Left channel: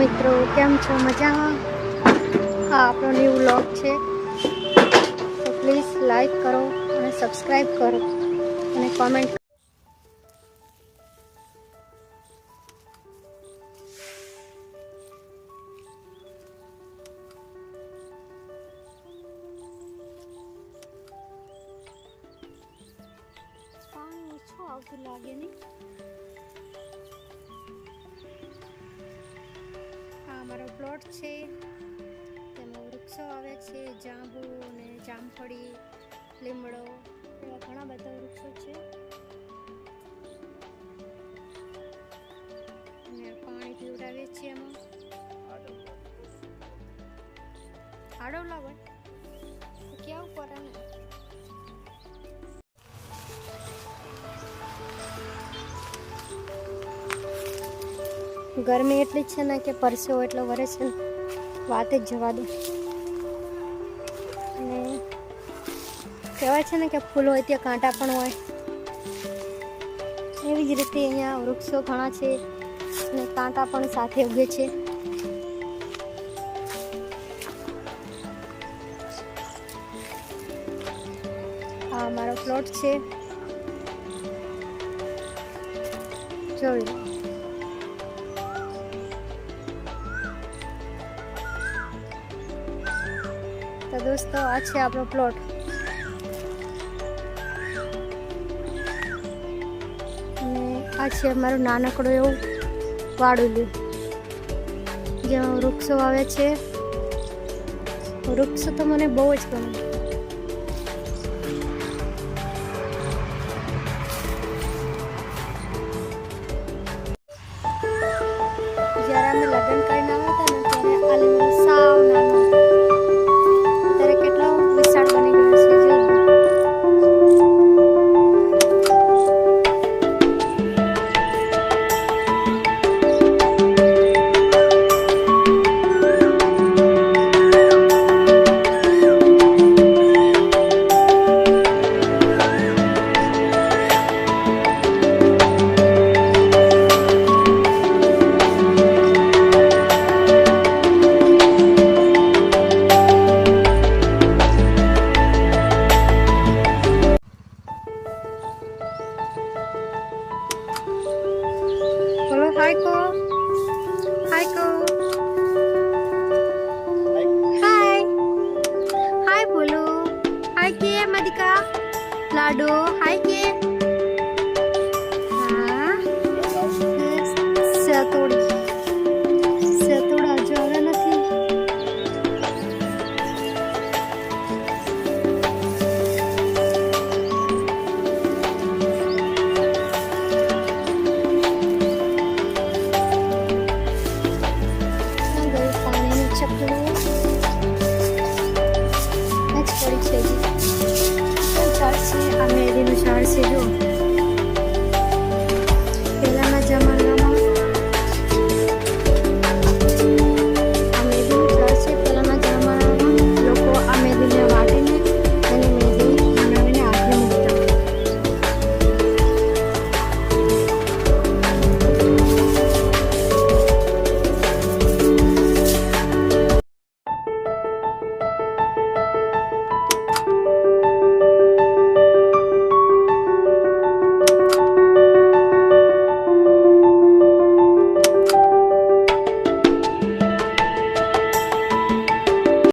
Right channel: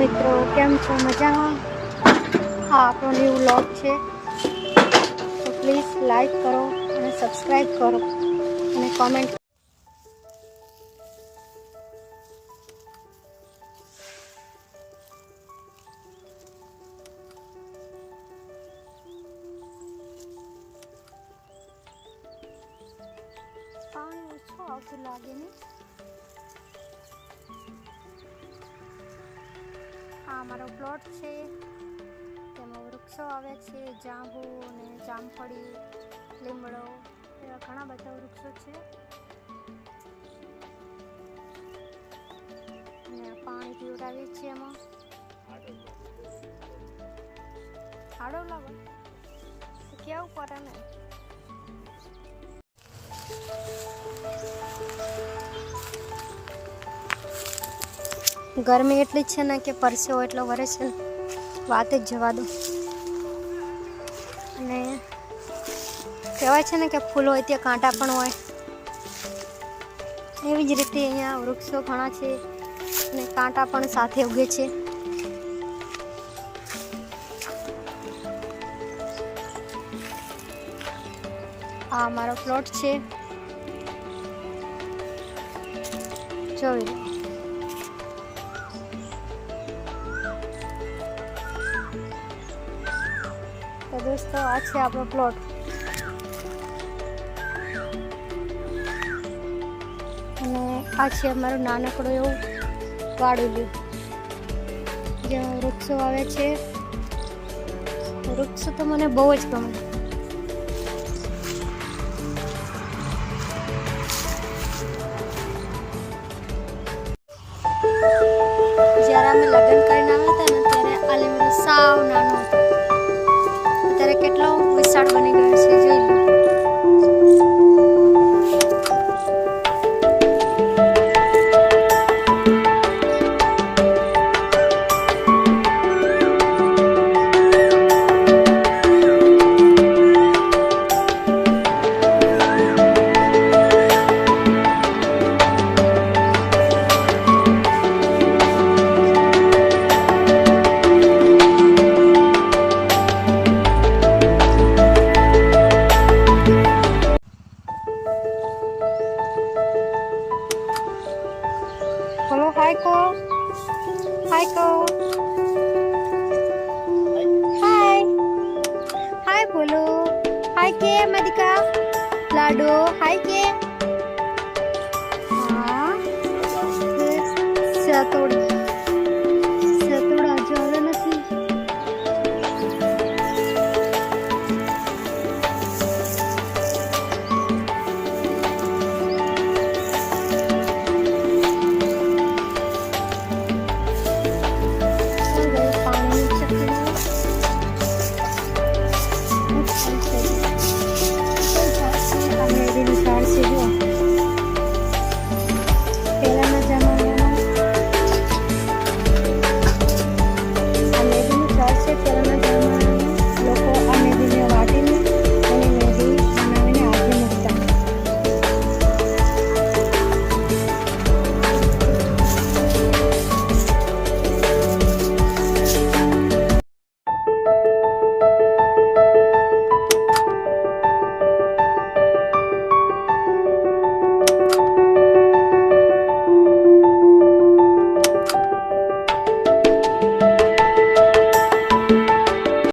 મિત્રો, કેમ છો? મજામાં? આ આપણો ન્યૂ વ્લોગ છે, તો પ્લીઝ લાઈક કરો અને સબસ્ક્રાઈબ કરો અને કોમેન્ટ. પાણી ઓછું આવતું લાગે ને. આ અમારો પ્લોટ છે, તેમાં વૃક્ષો આવે છે, જાંબુ અને જામફળી, લીમડો એવા ઘણા બધા વૃક્ષો છે. અને પાણી પીવડાવીએ છીએ એમાં. આડો લાવો કેવું પડે. ગરમી એટલી જ છે ને કે પરસેવો એટલો વરે છે ને વાત જ જવા દો. અને કહેવાય છે ને કે ફૂલ હોય ત્યાં કાંટા પણ હોય, એવી જ રીતે અહીંયા વૃક્ષો ઘણા છે અને કાંટા પણ સાથે ઉગે છે. આ અમારો પ્લોટ છે, જોઈ લો. તો દોસ્તો, આ છે આપણો પ્લોટ. અને આ છે અમારું નાનકડું એવું વાડુલું, જેમાં વૃક્ષો આવે છે. વૃક્ષ તો મને બહુ જ ગમે. જ્યારે અમે લગ્ન કરીને આવ્યા હતા ને, ત્યારે આ લીમડો સાવ નાનો હતો, અત્યારે કેટલો વિશાળ બની ગયો છે, જોઈ લો. બોલો હાય કો, હાય કો, હાય હાય બોલો, હાય કે મદિકા લાડો, હાય કે. હા સતોડી